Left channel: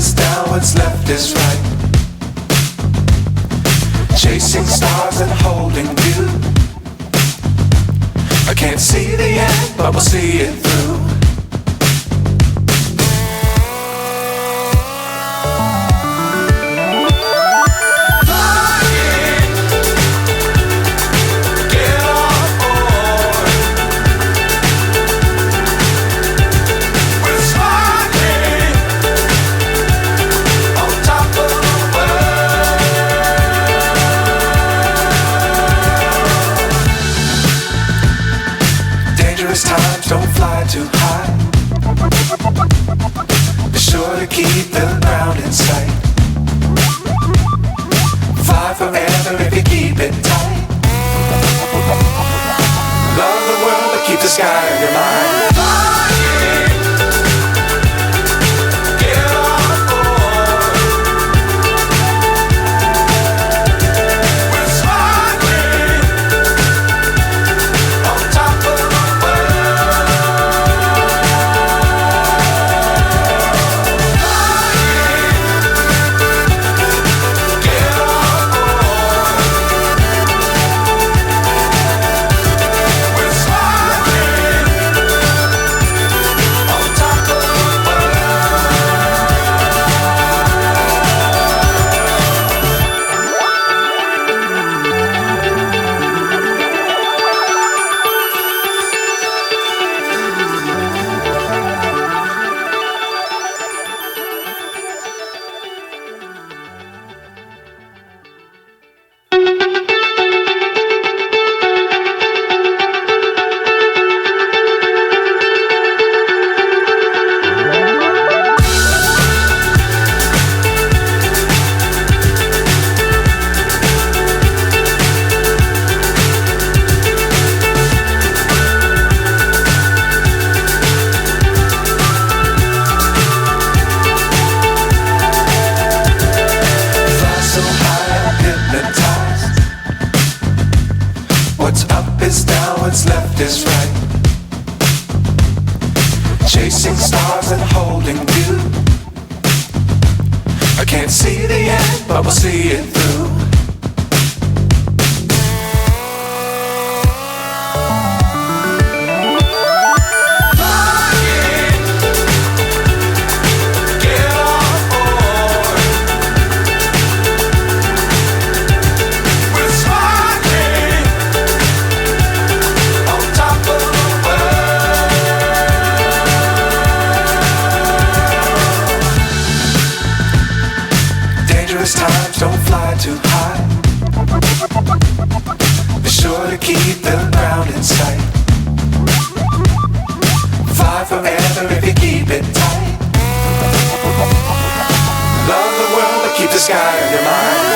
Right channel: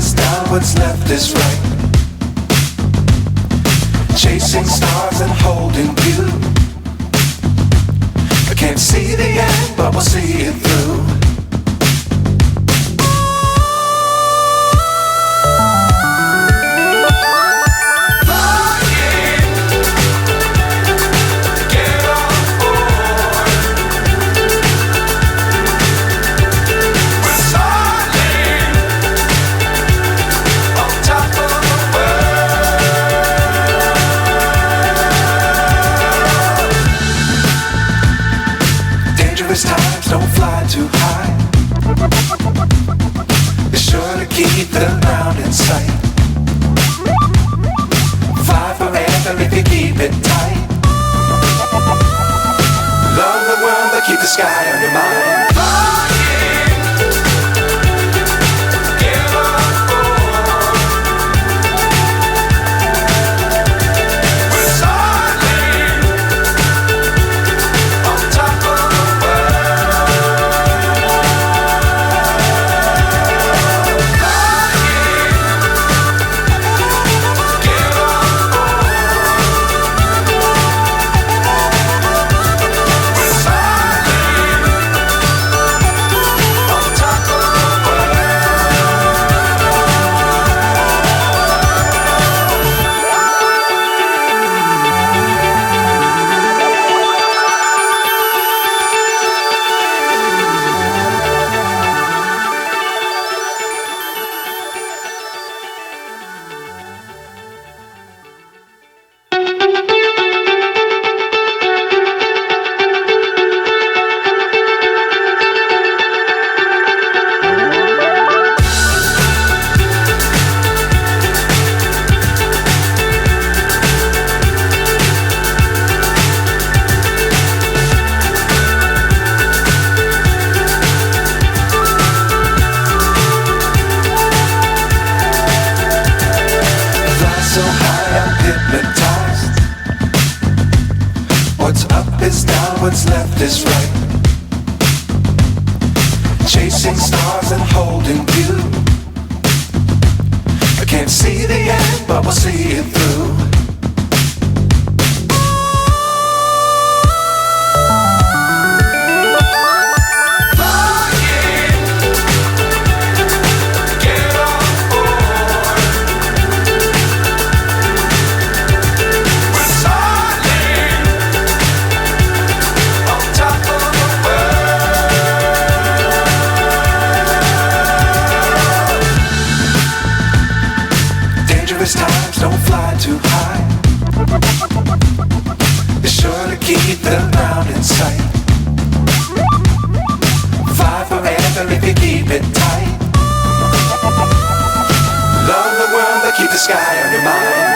is down, what's left is right. Chasing stars and holding you. I can't see the end, but we'll see it through. Times don't fly too high. Be sure to keep the ground in sight. Fly forever if you keep it tight. Love the world but keep the sky on your mind. So high I'm hypnotized. What's up is down, what's left is right. Chasing stars and holding you. I can't see the end, but we'll see it through. Times don't fly too high. Be sure to keep the ground in sight. Fly forever if you keep it tight. Love the world but keep the sky on your mind.